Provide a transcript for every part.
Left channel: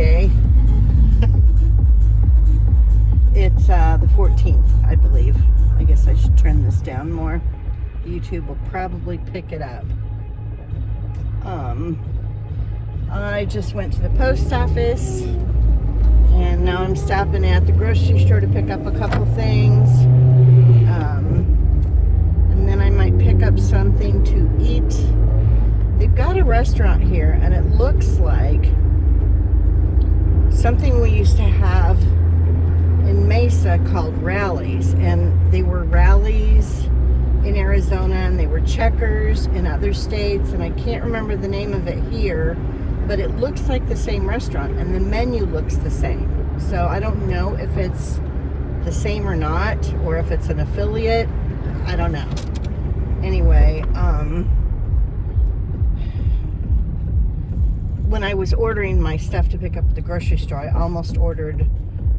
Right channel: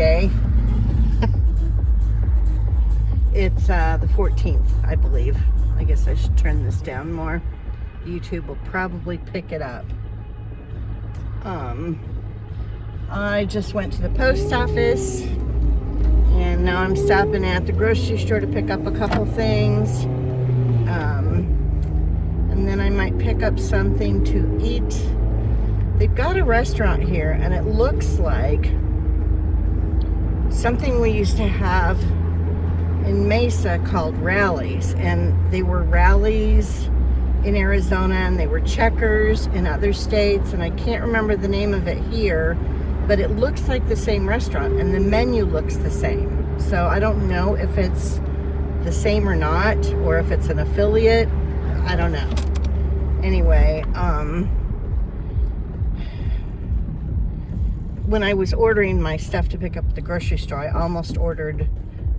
Friday. It's the 14th, I believe. I guess I should turn this down more. YouTube will probably pick it up. I just went to the post office, and now I'm stopping at the grocery store to pick up a couple things. And then I might pick up something to eat. They've got a restaurant here, and it looks like something we used to have in Mesa called rallies, and they were rallies in Arizona, and they were checkers in other states, and I can't remember the name of it here, but it looks like the same restaurant, and the menu looks the same. So I don't know if it's the same or not, or if it's an affiliate. I don't know. Anyway, when I was ordering my stuff to pick up at the grocery store, I almost ordered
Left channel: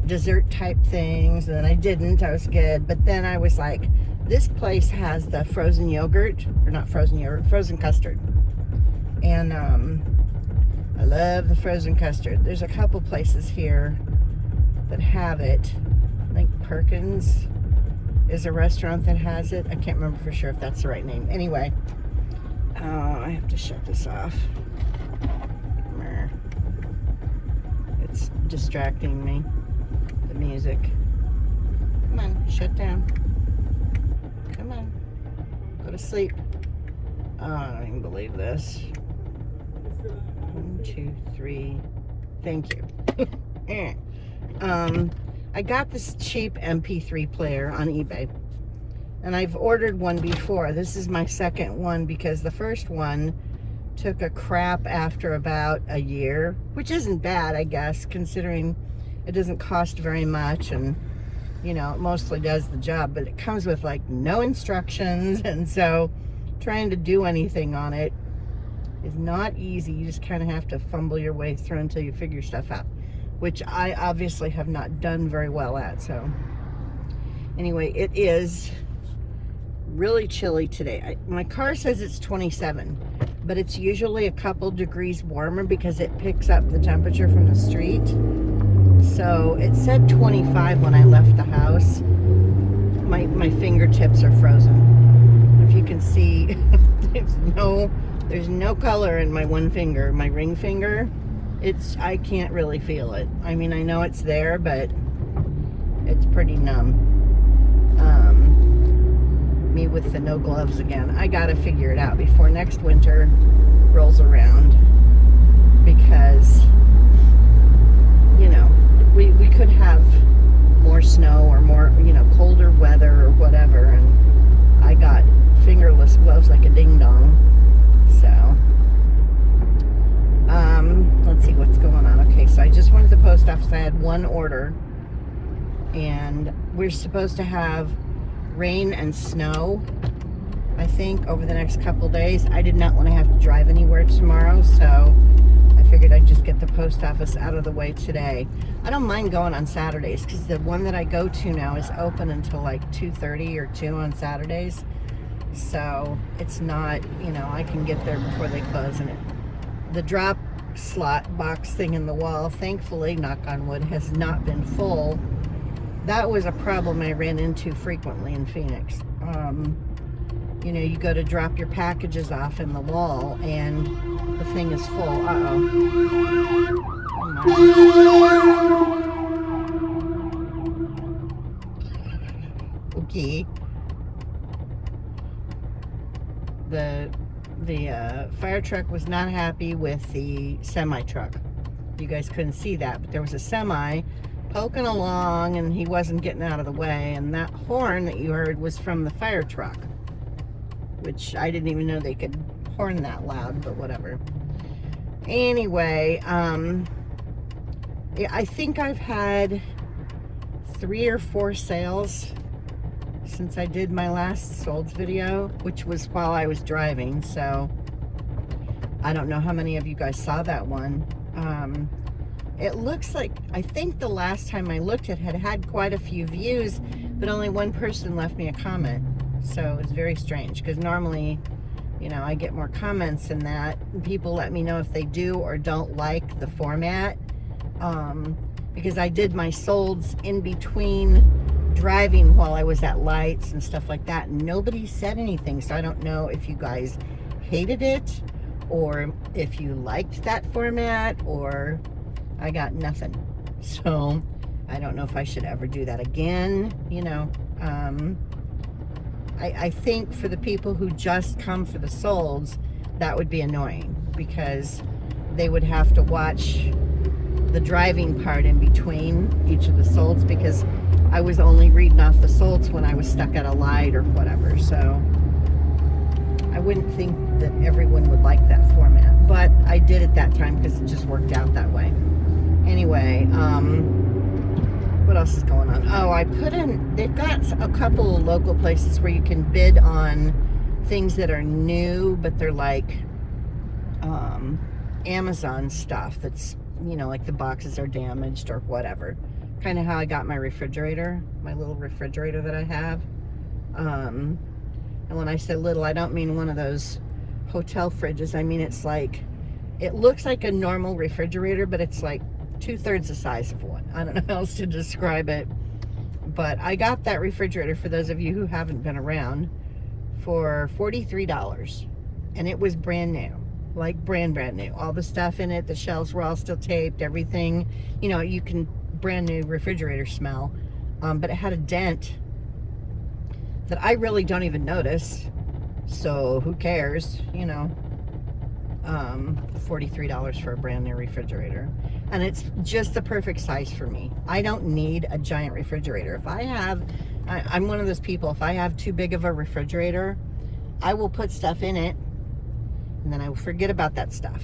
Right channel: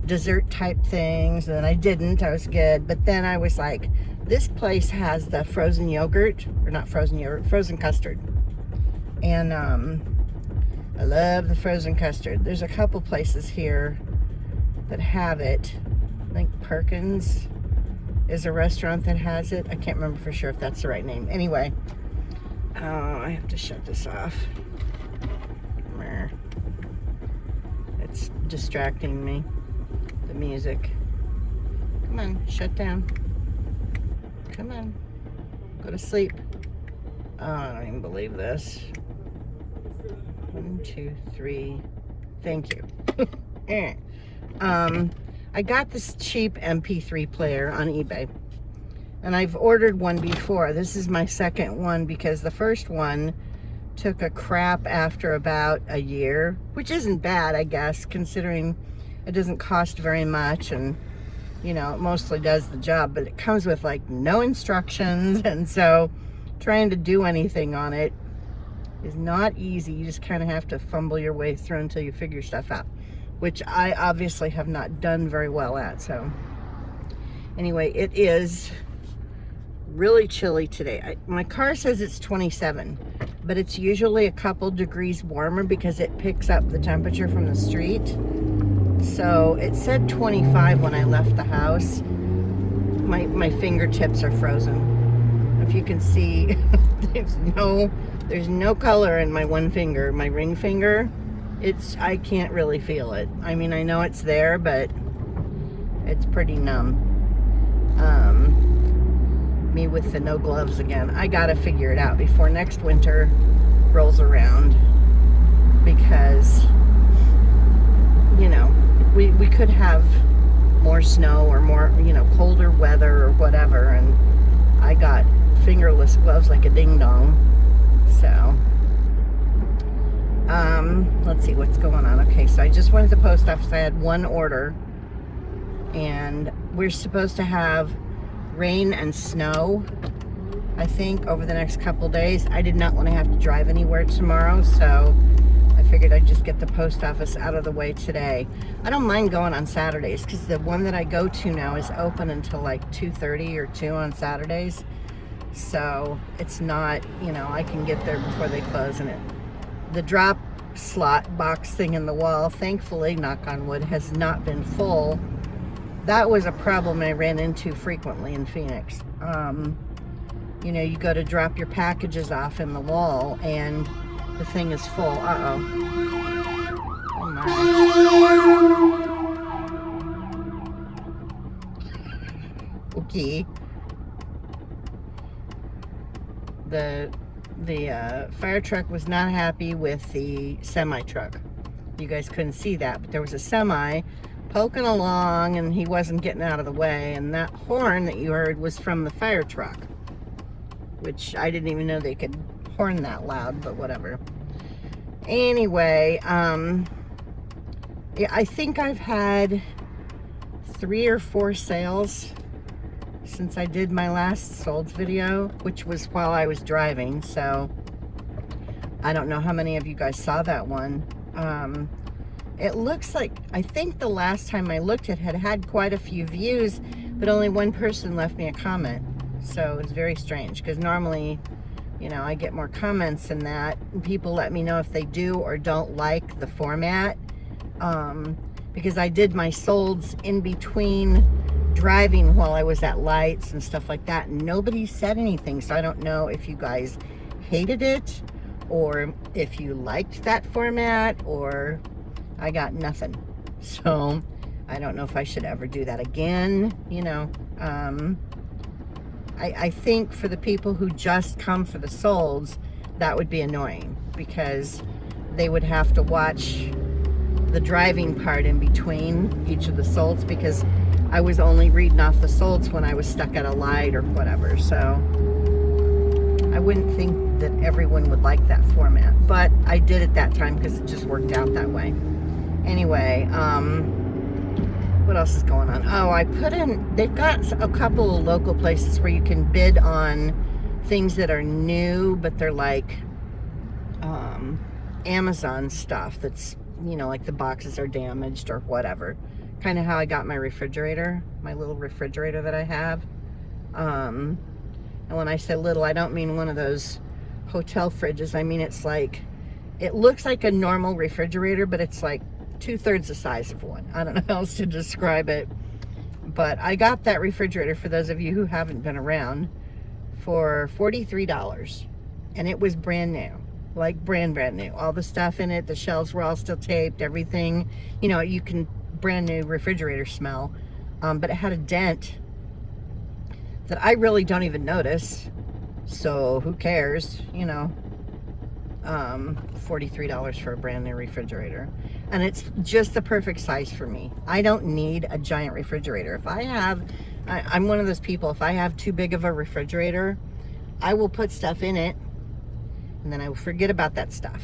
dessert type things, and I didn't. I was good, but then I was like, this place has the frozen yogurt, or not frozen yogurt, frozen custard, and I love the frozen custard. There's a couple places here that have it. I think Perkins is a restaurant that has it. I can't remember for sure if that's the right name. Anyway, I have to shut this off. It's distracting me, the music. Come on, shut down. Come on, go to sleep. Oh, I don't even believe this. 1, 2, 3. Thank you. I got this cheap MP3 player on eBay, and I've ordered one before. This is my second one because the first one took a crap after about a year, which isn't bad, I guess, considering it doesn't cost very much, and you know, it mostly does the job, but it comes with like no instructions, and so trying to do anything on it is not easy. You just kind of have to fumble your way through until you figure stuff out, which I obviously have not done very well at. So anyway, it is really chilly today. My car says it's 27, but it's usually a couple degrees warmer because it picks up the temperature from the street. So it said 25 when I left the house. My fingertips are frozen. If you can see, there's no color in my one finger, my ring finger. I can't really feel it. I mean, I know it's there, but it's pretty numb. Me with the no gloves again. I gotta figure it out before next winter rolls around, because, you know, we could have more snow or more, you know, colder weather or whatever, and I got fingerless gloves like a ding-dong. So let's see what's going on. Okay, so I just went to the post office. I had one order, and we're supposed to have rain and snow, I think, over the next couple days. I did not want to have to drive anywhere tomorrow, so I figured I'd just get the post office out of the way today. I don't mind going on Saturdays, because the one that I go to now is open until like 2:30 or 2 on Saturdays. So it's not, you know, I can get there before they close. And the drop slot box thing in the wall, thankfully, knock on wood, has not been full. That was a problem I ran into frequently in Phoenix. You know, you go to drop your packages off in the wall and the thing is full. Okay. The fire truck was not happy with the semi truck. You guys couldn't see that, but there was a semi poking along and he wasn't getting out of the way, and that horn that you heard was from the fire truck, which I didn't even know they could horn that loud, but whatever. Anyway, I think I've had 3 or 4 sales since I did my last sold video, which was while I was driving, so I don't know how many of you guys saw that one. It looks like, I think the last time I looked, it had quite a few views, but only one person left me a comment. So it's very strange, because normally, you know, I get more comments than that. People let me know if they do or don't like the format. because I did my solds in between driving while I was at lights and stuff like that, and nobody said anything. So I don't know if you guys hated it or if you liked that format, or I got nothing. So I don't know if I should ever do that again. You know, I think for the people who just come for the solds, that would be annoying, because they would have to watch the driving part in between each of the solds, because I was only reading off the solds when I was stuck at a light or whatever. So I wouldn't think that everyone would like that format, but I did it that time because it just worked out that way. Anyway, what else is going on? Oh, I put in, they've got a couple of local places where you can bid on things that are new, but they're like Amazon stuff that's, you know, like the boxes are damaged or whatever. Kind of how I got my refrigerator, my little refrigerator that I have. And when I say little, I don't mean one of those hotel fridges. I mean, it's like, it looks like a normal refrigerator, but it's like 2/3 the size of one. I don't know how else to describe it. But I got that refrigerator, for those of you who haven't been around, for $43. And it was brand new. Like brand new. All the stuff in it, the shelves were all still taped, everything. You know, you can brand new refrigerator smell. But it had a dent that I really don't even notice. So who cares, you know? $43 for a brand new refrigerator. And it's just the perfect size for me. I don't need a giant refrigerator. If I have, I'm one of those people, if I have too big of a refrigerator, I will put stuff in it and then I will forget about that stuff.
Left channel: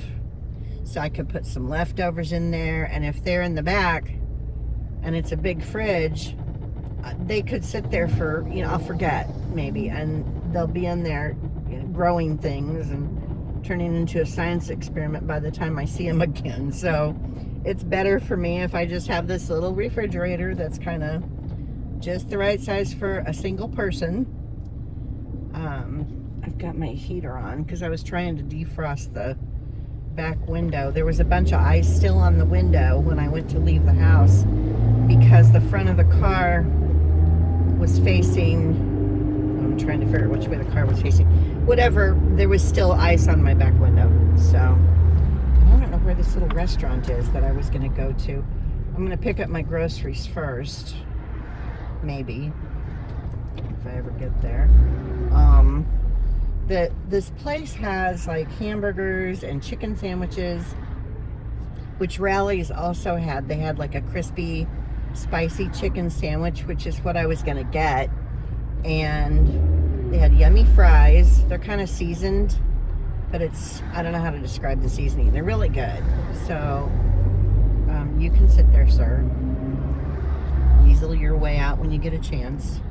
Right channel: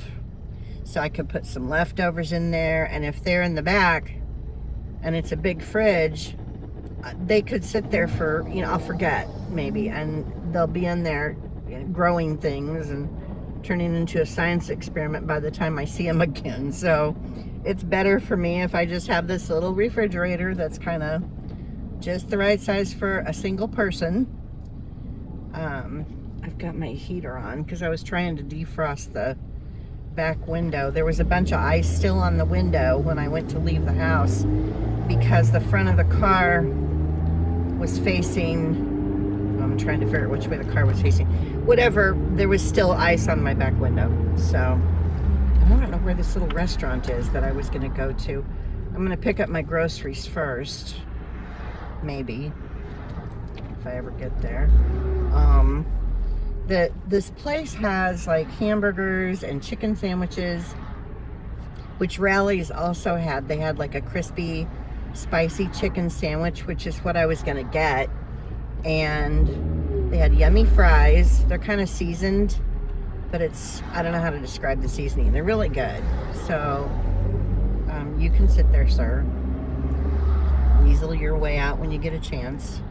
So I could put some leftovers in there, and if they're in the back and it's a big fridge, they could sit there for, you know, I'll forget maybe, and they'll be in there growing things and turning into a science experiment by the time I see them again. So it's better for me if I just have this little refrigerator that's kind of just the right size for a single person. I've got my heater on because I was trying to defrost the back window. There was a bunch of ice still on the window when I went to leave the house, because the front of the car was facing, I'm trying to figure out which way the car was facing. Whatever, there was still ice on my back window. So I don't know where this little restaurant is that I was going to go to. I'm going to pick up my groceries first, maybe, if I ever get there. This place has like hamburgers and chicken sandwiches, which Rally's also had. They had like a crispy, spicy chicken sandwich, which is what I was going to get. And they had yummy fries. They're kind of seasoned, but it's, I don't know how to describe the seasoning. They're really good. So you can sit there, sir. Easel your way out when you get a chance.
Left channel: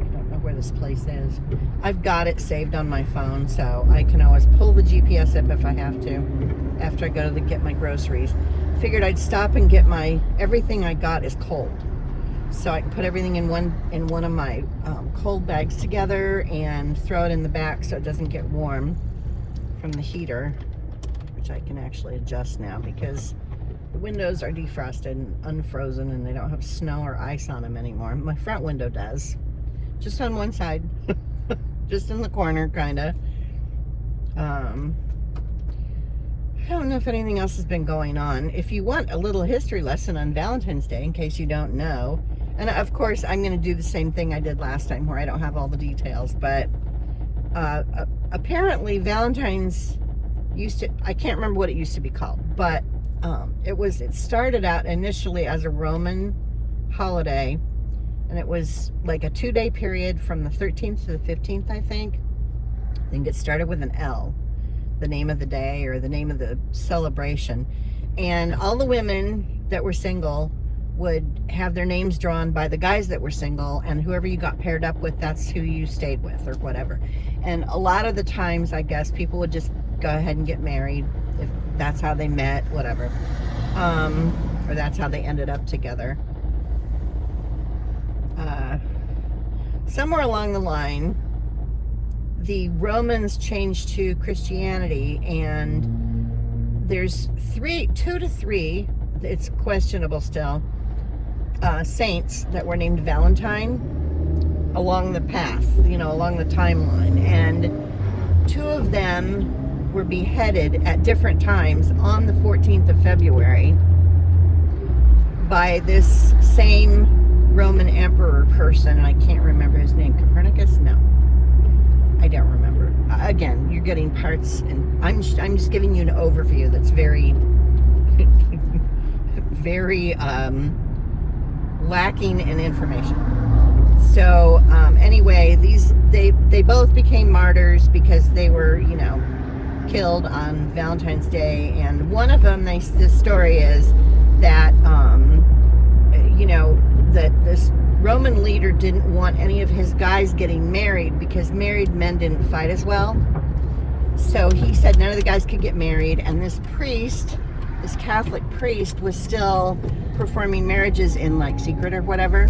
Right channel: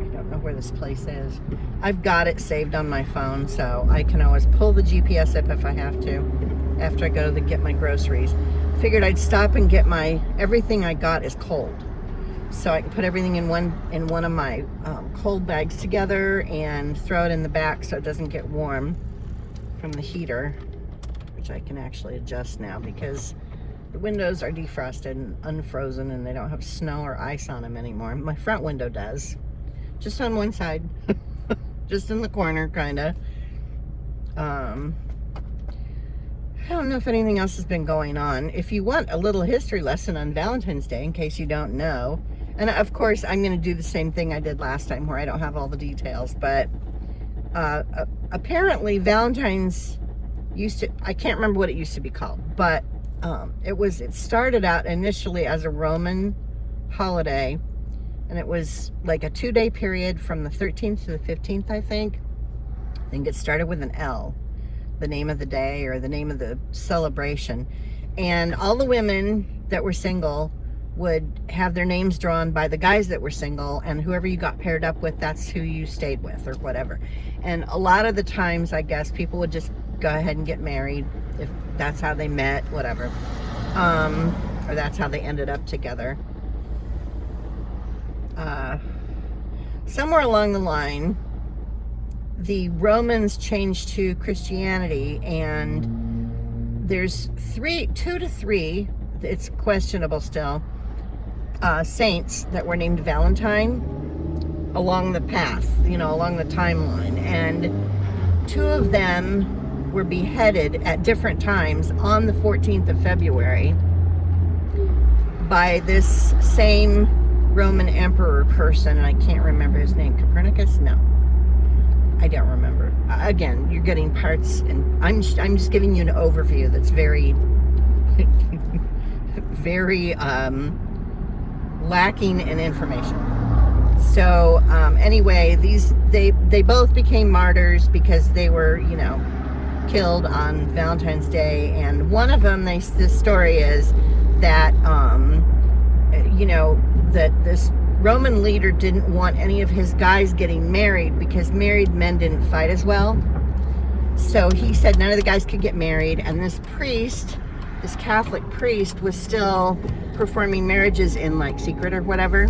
I don't know where this place is. I've got it saved on my phone, so I can always pull the GPS up if I have to after I go to get my groceries. Figured I'd stop and get my, everything I got is cold, so I can put everything in one of my cold bags together and throw it in the back so it doesn't get warm from the heater, which I can actually adjust now because the windows are defrosted and unfrozen and they don't have snow or ice on them anymore. My front window does, just on one side, just in the corner, kind of. I don't know if anything else has been going on. If you want a little history lesson on Valentine's Day, in case you don't know, and of course I'm going to do the same thing I did last time where I don't have all the details, but apparently Valentine's used to, I can't remember what it used to be called, but it started out initially as a Roman holiday, and it was like a 2-day period from the 13th to the 15th, I think. I think it started with an L, the name of the day or the name of the celebration. And all the women that were single would have their names drawn by the guys that were single, and whoever you got paired up with, that's who you stayed with or whatever. And a lot of the times, I guess, people would just go ahead and get married if that's how they met, whatever. Or that's how they ended up together. Somewhere along the line, the Romans changed to Christianity, and there's 2 to 3 it's questionable still, saints that were named Valentine along the path, along the timeline. And 2 of them were beheaded at different times on the 14th of February by this same Roman emperor person, and I can't remember his name. Copernicus? No, I don't remember. Again, you're getting parts, and I'm just giving you an overview that's very, very lacking in information. So anyway, they both became martyrs because they were, killed on Valentine's Day. And one of them, the story is that that this Roman leader didn't want any of his guys getting married because married men didn't fight as well. So he said none of the guys could get married, and this Catholic priest was still performing marriages in like secret or whatever.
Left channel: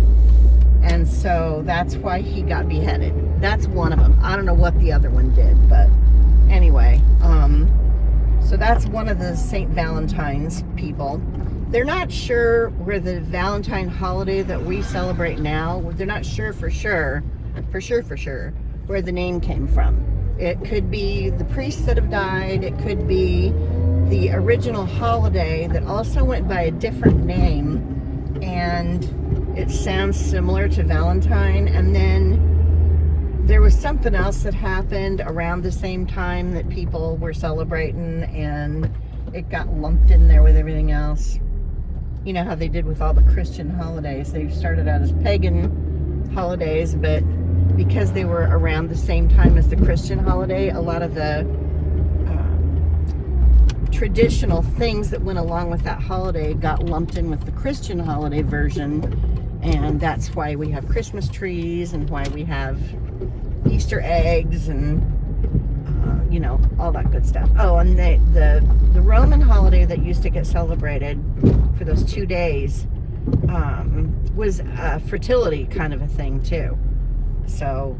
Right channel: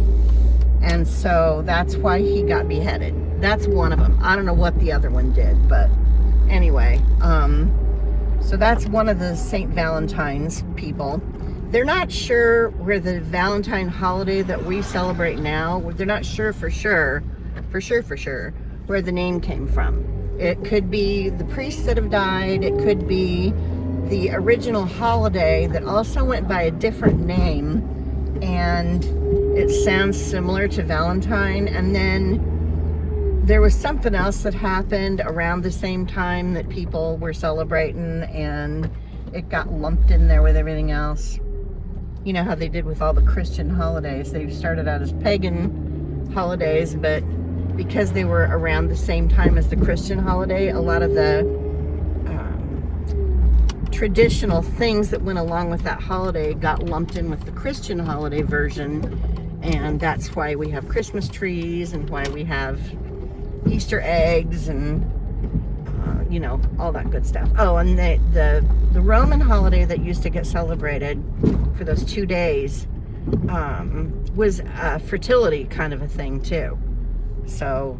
And so that's why he got beheaded. That's one of them. I don't know what the other one did, but anyway, so that's one of the St. Valentine's people. They're not sure where the Valentine holiday that we celebrate now, they're not sure for sure, where the name came from. It could be the priests that have died. It could be the original holiday that also went by a different name, and it sounds similar to Valentine. And then there was something else that happened around the same time that people were celebrating, and it got lumped in there with everything else. You know how they did with all the Christian holidays. They started out as pagan holidays, but because they were around the same time as the Christian holiday, a lot of the traditional things that went along with that holiday got lumped in with the Christian holiday version. And that's why we have Christmas trees, and why we have Easter eggs, and all that good stuff. Oh, and the Roman holiday that used to get celebrated for those 2 days was a fertility kind of a thing too. So,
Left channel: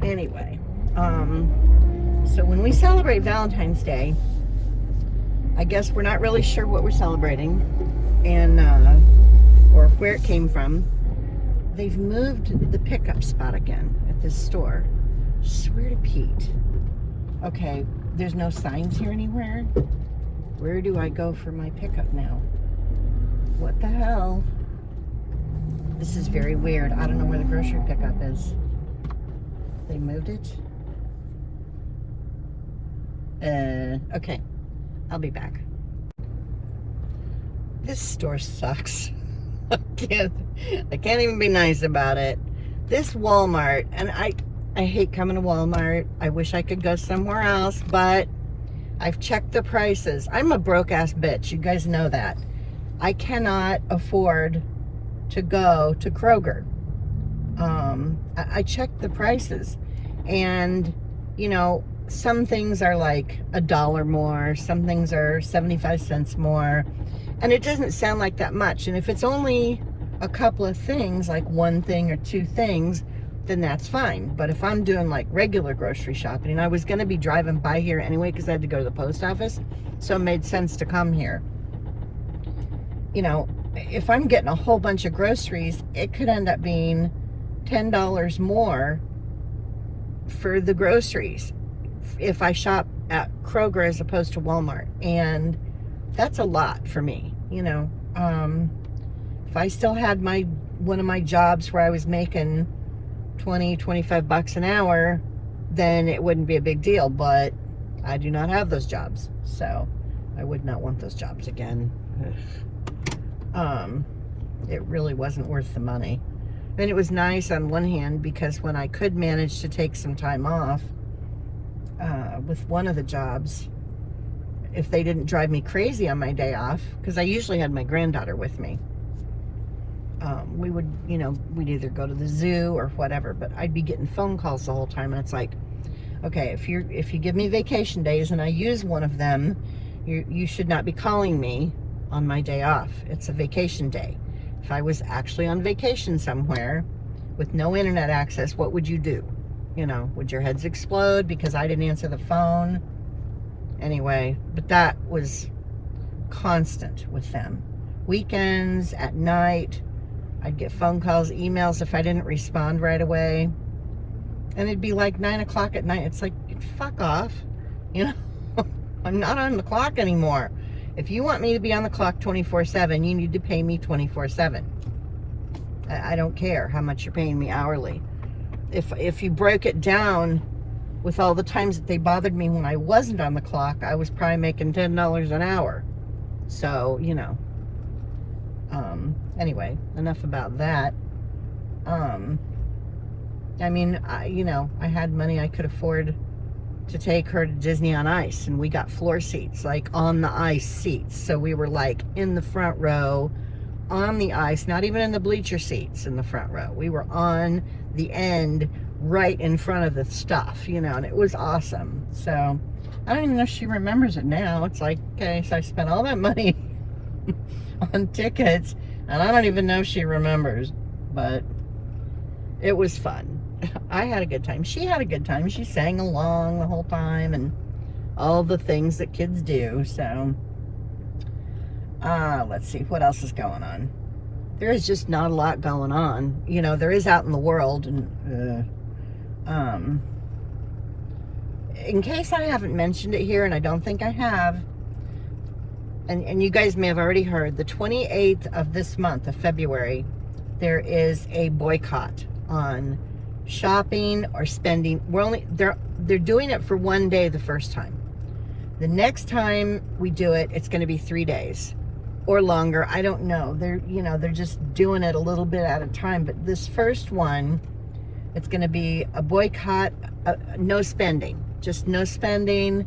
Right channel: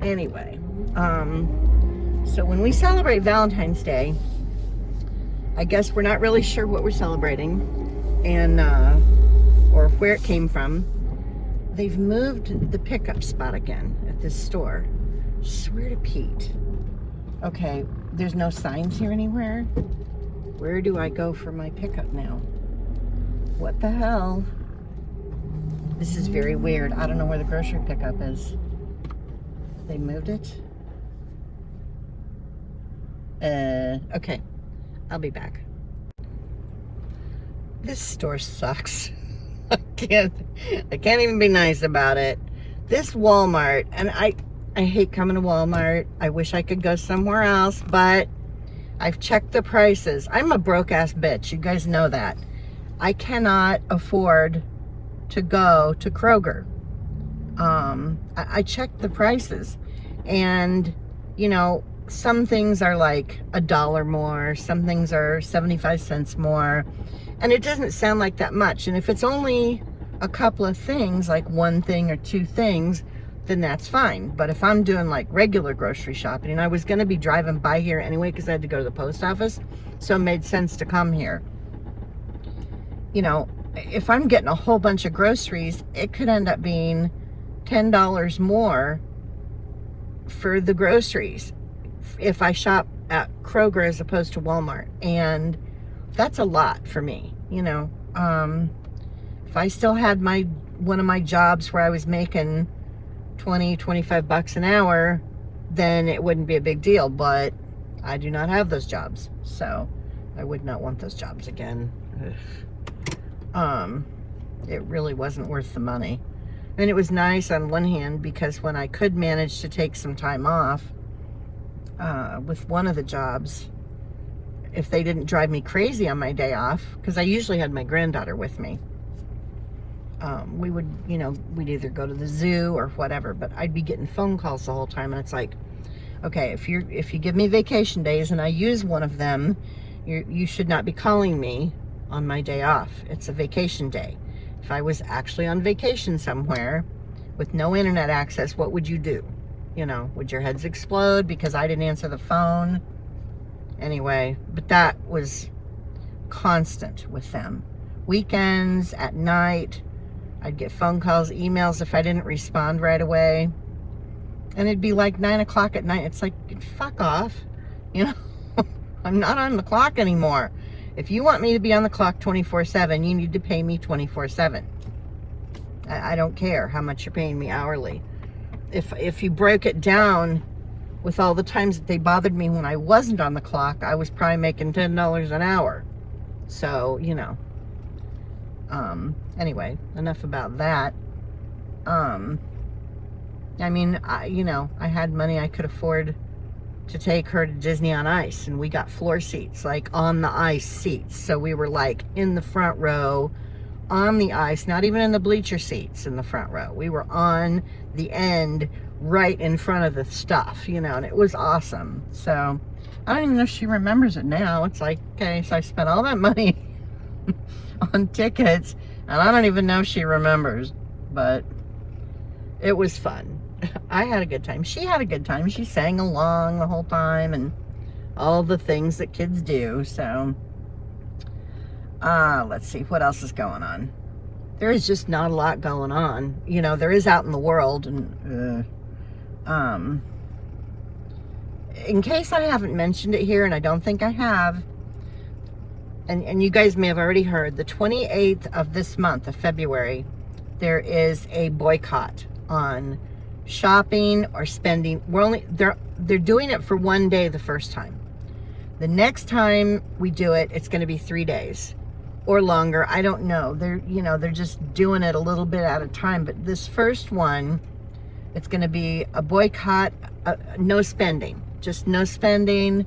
anyway, so when we celebrate Valentine's Day, I guess we're not really sure what we're celebrating, and or where it came from. They've moved the pickup spot again at this store. Swear to Pete. Okay, there's no signs here anywhere. Where do I go for my pickup now? What the hell? This is very weird. I don't know where the grocery pickup is. They moved it? Okay. I'll be back. This store sucks. I can't even be nice about it. This Walmart, and I hate coming to Walmart. I wish I could go somewhere else, but I've checked the prices. I'm a broke ass bitch. You guys know that. I cannot afford to go to Kroger. I checked the prices, and some things are like $1 more, some things are 75 cents more, and it doesn't sound like that much. And if it's only a couple of things, like one thing or two things, then that's fine. But if I'm doing like regular grocery shopping, and I was going to be driving by here anyway because I had to go to the post office, so it made sense to come here. If I'm getting a whole bunch of groceries, it could end up being $10 more for the groceries if I shop at Kroger as opposed to Walmart. And that's a lot for me. If I still had one of my jobs where I was making $20-25 an hour, then it wouldn't be a big deal. But I do not have those jobs, so I would not want those jobs again. It really wasn't worth the money. And it was nice on one hand, because when I could manage to take some time off with one of the jobs, if they didn't drive me crazy on my day off, because I usually had my granddaughter with me, we would, we'd either go to the zoo or whatever, but I'd be getting phone calls the whole time. And it's like, okay, if you give me vacation days and I use one of them, you should not be calling me on my day off. It's a vacation day. If I was actually on vacation somewhere with no internet access, what would you do? Would your heads explode because I didn't answer the phone? Anyway, but that was constant with them. Weekends, at night, I'd get phone calls, emails if I didn't respond right away. And it'd be like 9 o'clock at night. It's like, fuck off. You know, I'm not on the clock anymore. If you want me to be on the clock 24/7, you need to pay me 24/7. I don't care how much you're paying me hourly. If you break it down with all the times that they bothered me when I wasn't on the clock, I was probably making $10 an hour. So, you know. Anyway, enough about that. I mean, I had money I could afford to take her to Disney on Ice, and we got floor seats, like on the ice seats. So we were like in the front row on the ice, not even in the bleacher seats in the front row. We were on the end right in front of the stuff, and it was awesome. So I don't even know if she remembers it now. It's like, okay, so I spent all that money on tickets, and I don't even know if she remembers, but it was fun. I had a good time. She had a good time. She sang along the whole time and all the things that kids do. So, let's see. What else is going on? There is just not a lot going on. There is out in the world. And, in case I haven't mentioned it here, and I don't think I have, and you guys may have already heard, the 28th of this month of February, there is a boycott on shopping or spending. They're doing it for one day the first time. The next time we do it, it's going to be 3 days or longer. I don't know. They're just doing it a little bit at a time. But this first one, it's going to be a boycott, no spending, just no spending.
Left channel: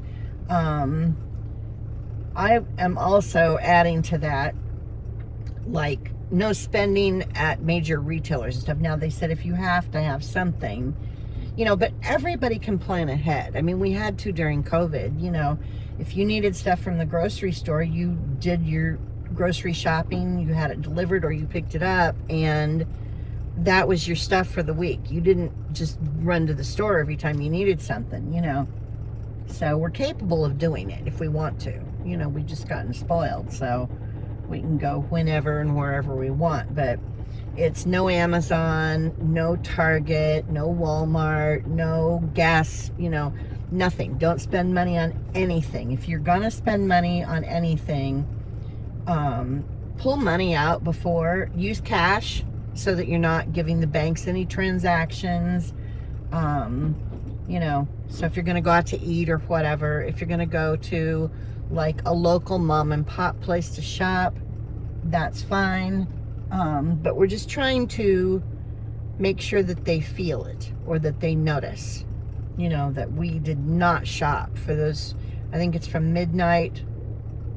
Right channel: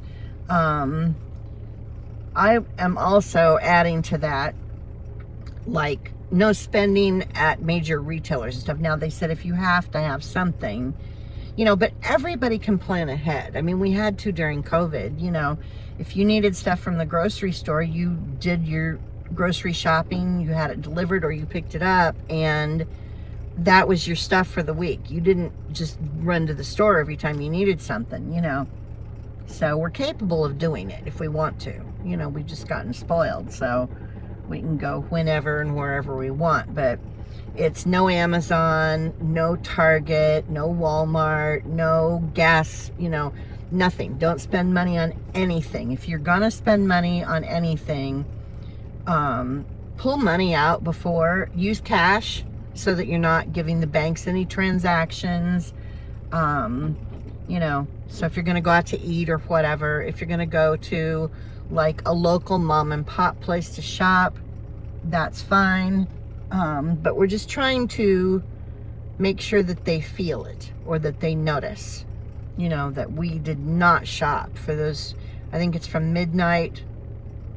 I am also adding to that, like, no spending at major retailers and stuff. Now, they said if you have to have something, but everybody can plan ahead. I mean, we had to during COVID. If you needed stuff from the grocery store, you did your grocery shopping, you had it delivered or you picked it up, and that was your stuff for the week. You didn't just run to the store every time you needed something, So we're capable of doing it if we want to. We've just gotten spoiled, so we can go whenever and wherever we want. But it's no Amazon, no Target, no Walmart, no gas, nothing. Don't spend money on anything. If you're gonna spend money on anything, pull money out before. Use cash so that you're not giving the banks any transactions. So if you're gonna go out to eat or whatever, if you're gonna go to like a local mom and pop place to shop, that's fine. But we're just trying to make sure that they feel it or that they notice, that we did not shop for those. I think it's from midnight,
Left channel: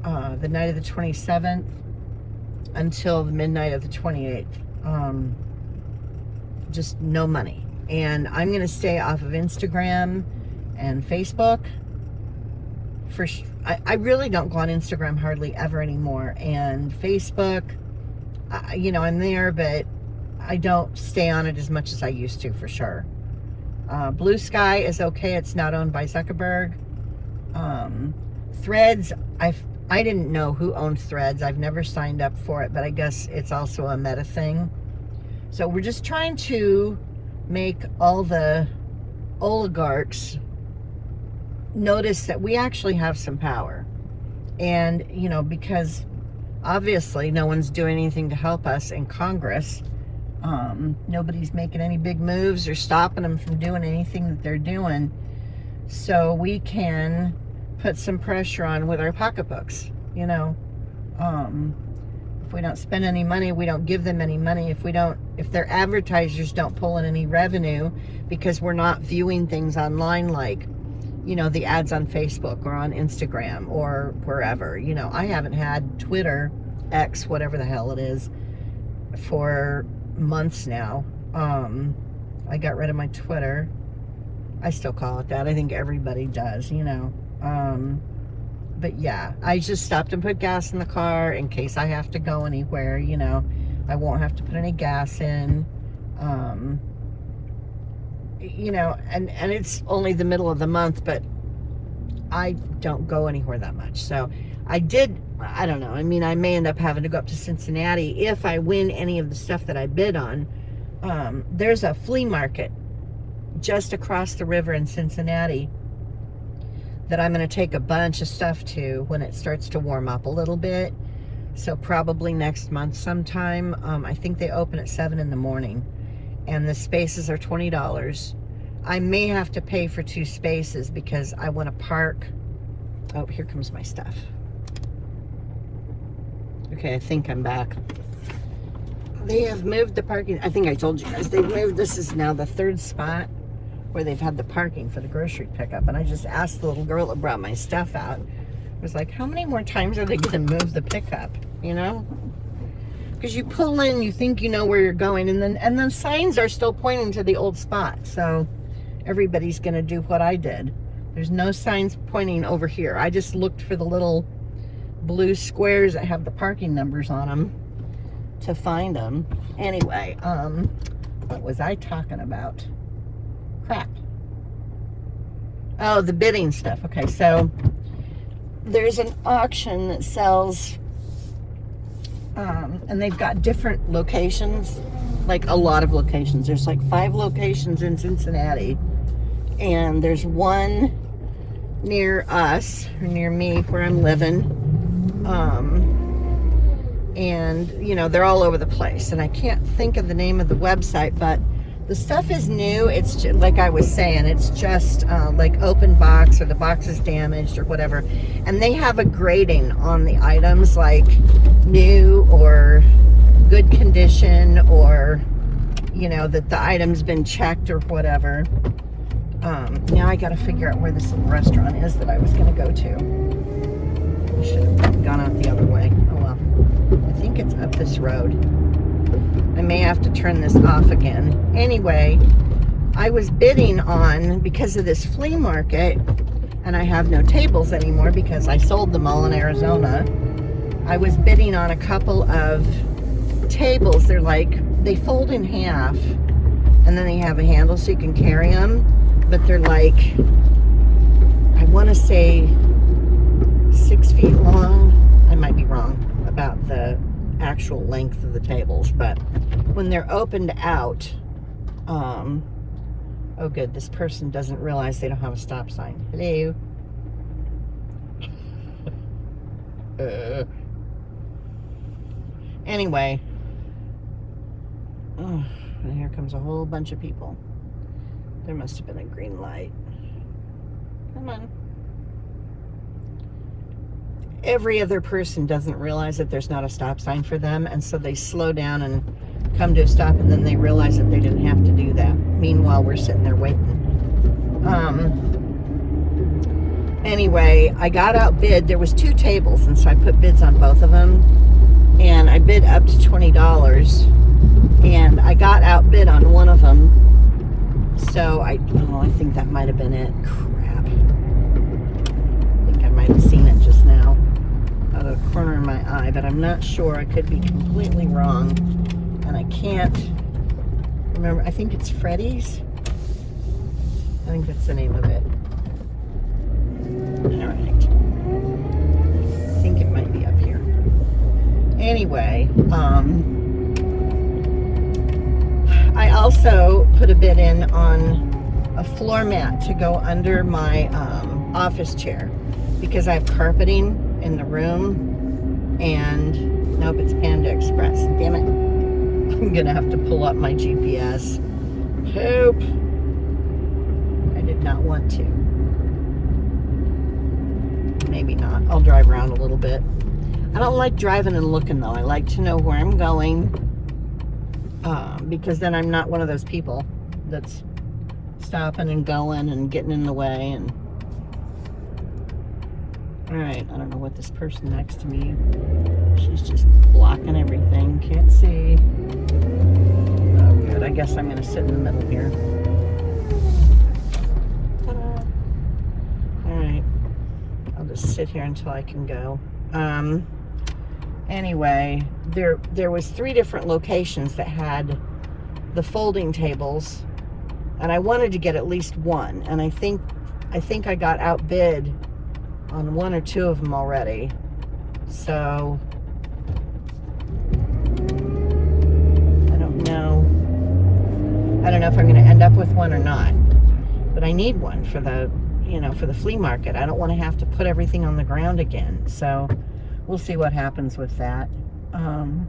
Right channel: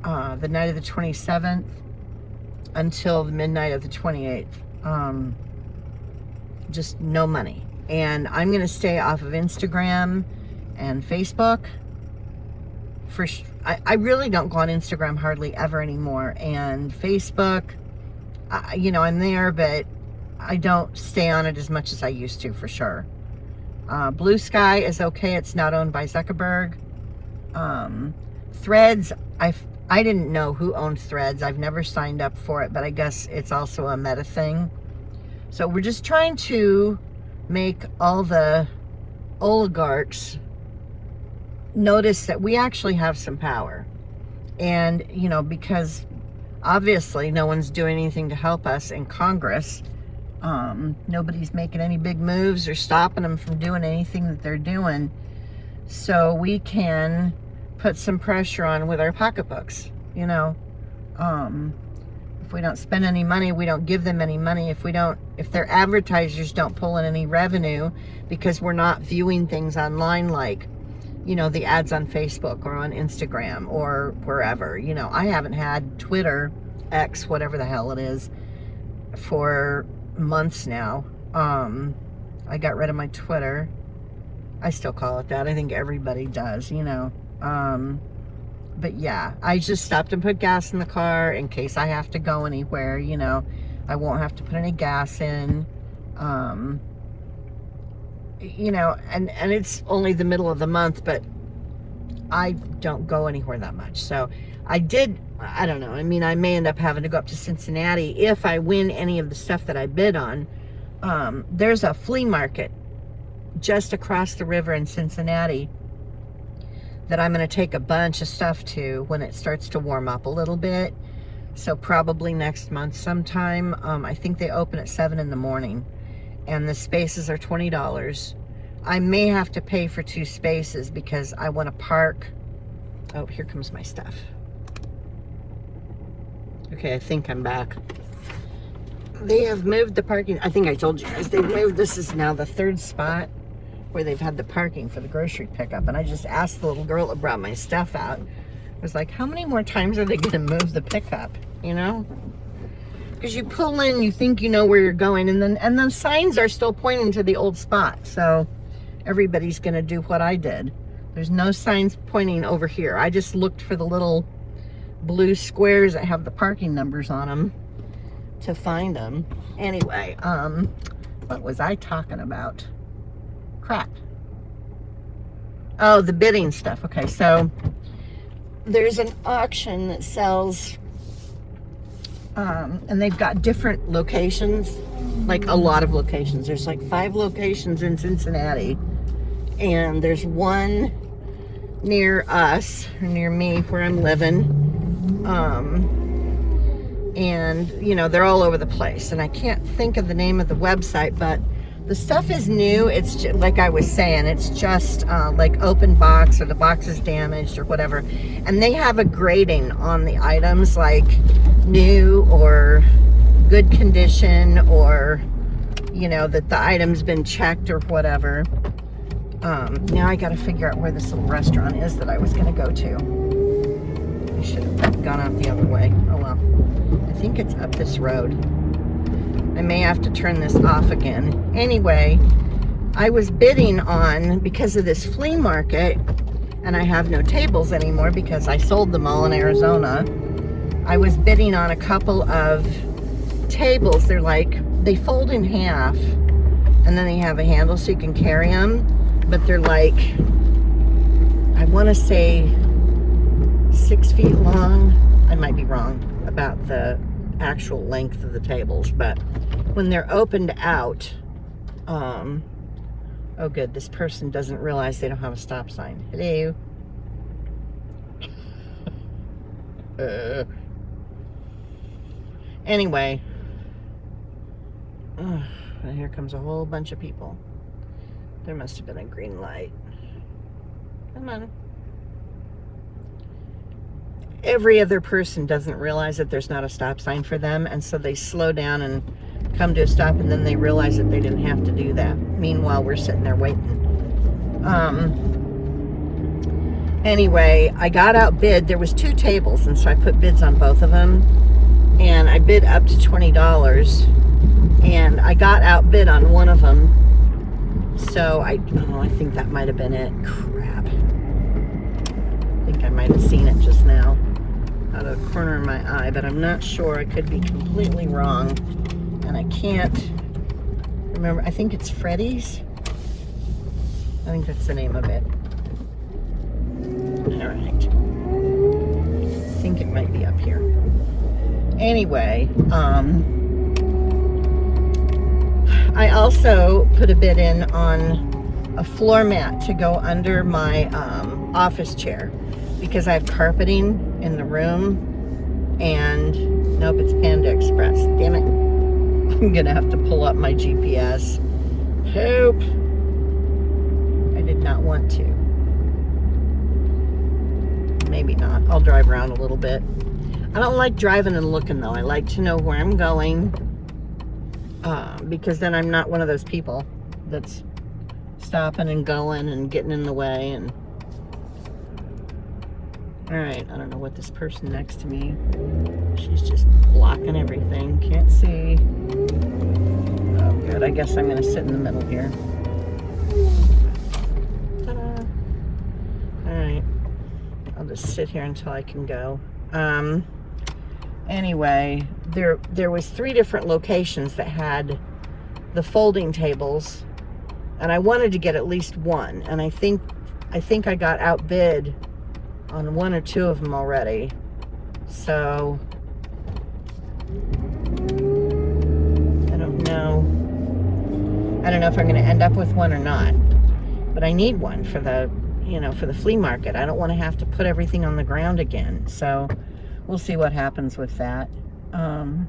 the night of the 27th until the midnight of the 28th. Just no money. And I'm going to stay off of Instagram and Facebook. I really don't go on Instagram hardly ever anymore. And Facebook, I'm there, but I don't stay on it as much as I used to, for sure. Blue Sky is okay. It's not owned by Zuckerberg. Threads, I didn't know who owned Threads. I've never signed up for it, but I guess it's also a Meta thing. So we're just trying to make all the oligarchs notice that we actually have some power. And, because obviously no one's doing anything to help us in Congress. Nobody's making any big moves or stopping them from doing anything that they're doing. So we can put some pressure on with our pocketbooks, If we don't spend any money, we don't give them any money. If their advertisers don't pull in any revenue because we're not viewing things online, like, the ads on Facebook or on Instagram or wherever. I haven't had Twitter, X, whatever the hell it is, for months now. I got rid of my Twitter. I still call it that. I think everybody does, But yeah, I just stopped and put gas in the car in case I have to go anywhere, I won't have to put any gas in. And it's only the middle of the month, but I don't go anywhere that much. So I don't know. I mean, I may end up having to go up to Cincinnati if I win any of the stuff that I bid on. There's a flea market just across the river in Cincinnati that I'm going to take a bunch of stuff to when it starts to warm up a little bit. So probably next month sometime. I think they open at 7 in the morning, and the spaces are $20. I may have to pay for 2 spaces because I want to park. Oh, here comes my stuff. Okay, I think I'm back. They have moved the parking. I think I told you guys they've moved. This is now the 3rd spot where they've had the parking for the grocery pickup. And I just asked the little girl that brought my stuff out. I was like, how many more times are they going to move the pickup? You know? Because you pull in, you think you know where you're going, and the signs are still pointing to the old spot. So everybody's going to do what I did. There's no signs pointing over here. I just looked for the little blue squares that have the parking numbers on them to find them. Anyway, what was I talking about? Crap. Oh, the bidding stuff. Okay, so there's an auction that sells, and they've got different locations, like a lot of locations. There's like 5 locations in Cincinnati, and there's one near us, or near me, where I'm living. And you know, they're all over the place, and I can't think of the name of the website, but the stuff is new. It's just, like I was saying, it's just like open box, or the box is damaged or whatever, and they have a grading on the items, like new or good condition, or you know, that the item's been checked or whatever. Now I gotta figure out where this little restaurant is that I was gonna go to. I should have gone out the other way. Oh well. I think it's up this road. I may have to turn this off again. Anyway, I was bidding on, because of this flea market, and I have no tables anymore because I sold them all in Arizona. I was bidding on a couple of tables. They're like, they fold in half, and then they have a handle so you can carry them. But they're like, I want to say 6 feet long. I might be wrong about the actual length of the tables, but when they're opened out, oh good, this person doesn't realize they don't have a stop sign. Hello. Anyway, and here comes a whole bunch of people. There must have been a green light. Come on. Every other person doesn't realize that there's not a stop sign for them, and so they slow down and come to a stop, and then they realize that they didn't have to do that. Meanwhile, we're sitting there waiting. Anyway, I got outbid. There was 2 tables, and so I put bids on both of them, and I bid up to $20, and I got outbid on one of them. So I think that might have been it. Crap. I think I might have seen it just now out of the corner of my eye, but I'm not sure. I could be completely wrong, and I can't remember. I think it's Freddy's. I think that's the name of it. All right. I think it might be up here. Anyway, I also put a bid in on a floor mat to go under my office chair, because I have carpeting in the room, and nope, it's Panda Express. Damn it. I'm gonna have to pull up my GPS. Help. I did not want to. Maybe not. I'll drive around a little bit. I don't like driving and looking though. I like to know where I'm going, because then I'm not one of those people that's stopping and going and getting in the way. And all right, I don't know what this person next to me, she's just blocking everything. Can't see. Oh good, I guess I'm gonna sit in the middle here. All right, I'll just sit here until I can go. Anyway, there was 3 different locations that had the folding tables, and I wanted to get at least one, and I think I got outbid on 1 or 2 of them already. So I don't know. I don't know if I'm going to end up with one or not. But I need one for the, for the flea market. I don't want to have to put everything on the ground again. So we'll see what happens with that. I'm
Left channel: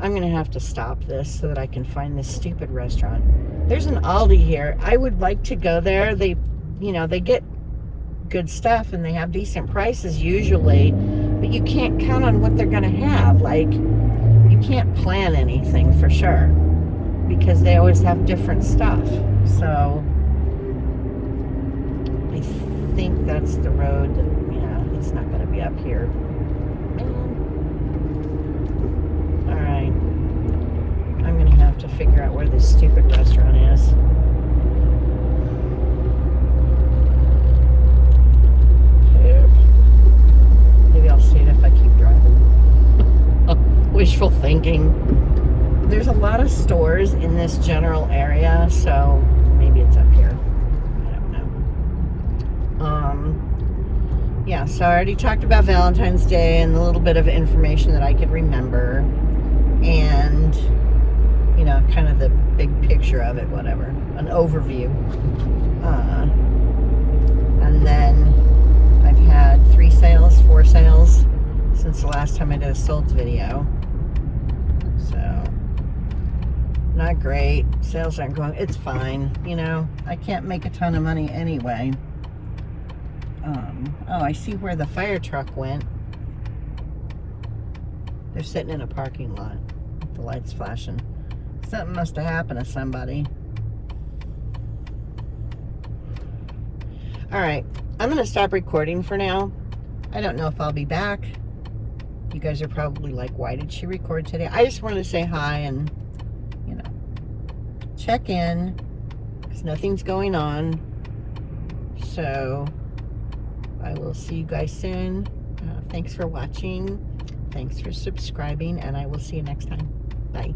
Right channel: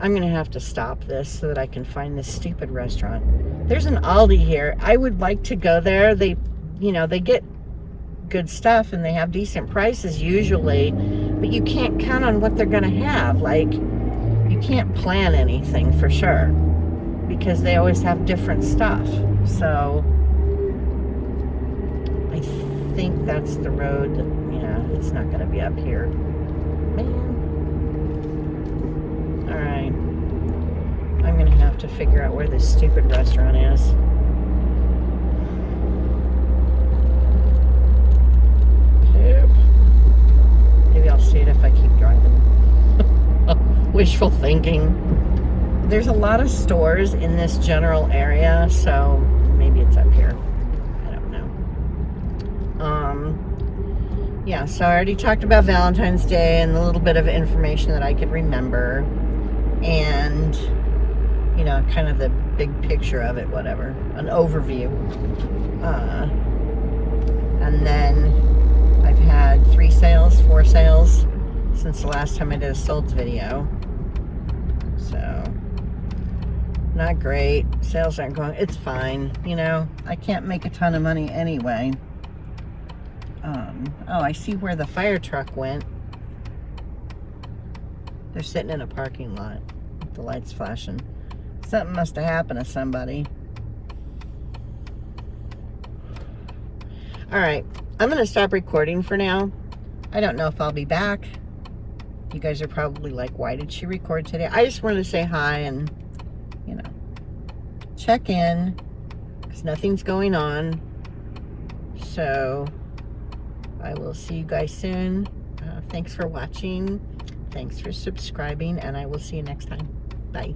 going to have to stop this so that I can find this stupid restaurant. There's an Aldi here. I would like to go there. They get good stuff and they have decent prices usually, but you can't count on what they're going to have. Like, you can't plan anything for sure because they always have different stuff. So I think that's the road. It's not going to be up here. All right. I'm going to have to figure out where this stupid restaurant is. Maybe I'll see it if I keep driving. Wishful thinking. There's a lot of stores in this general area, so maybe it's up here. I don't know. Yeah, so I already talked about Valentine's Day and a little bit of information that I could remember. And, kind of the big picture of it, whatever. An overview. And then I've had 4 sales since the last time I did a solds video. So, not great. Sales aren't going. It's fine. I can't make a ton of money anyway. Oh, I see where the fire truck went. They're sitting in a parking lot. The light's flashing. Something must have happened to somebody. All right. I'm going to stop recording for now. I don't know if I'll be back. You guys are probably like, why did she record today? I just wanted to say hi and, check in because nothing's going on. So I will see you guys soon. Thanks for watching. Thanks for subscribing, and I will see you next time. Bye.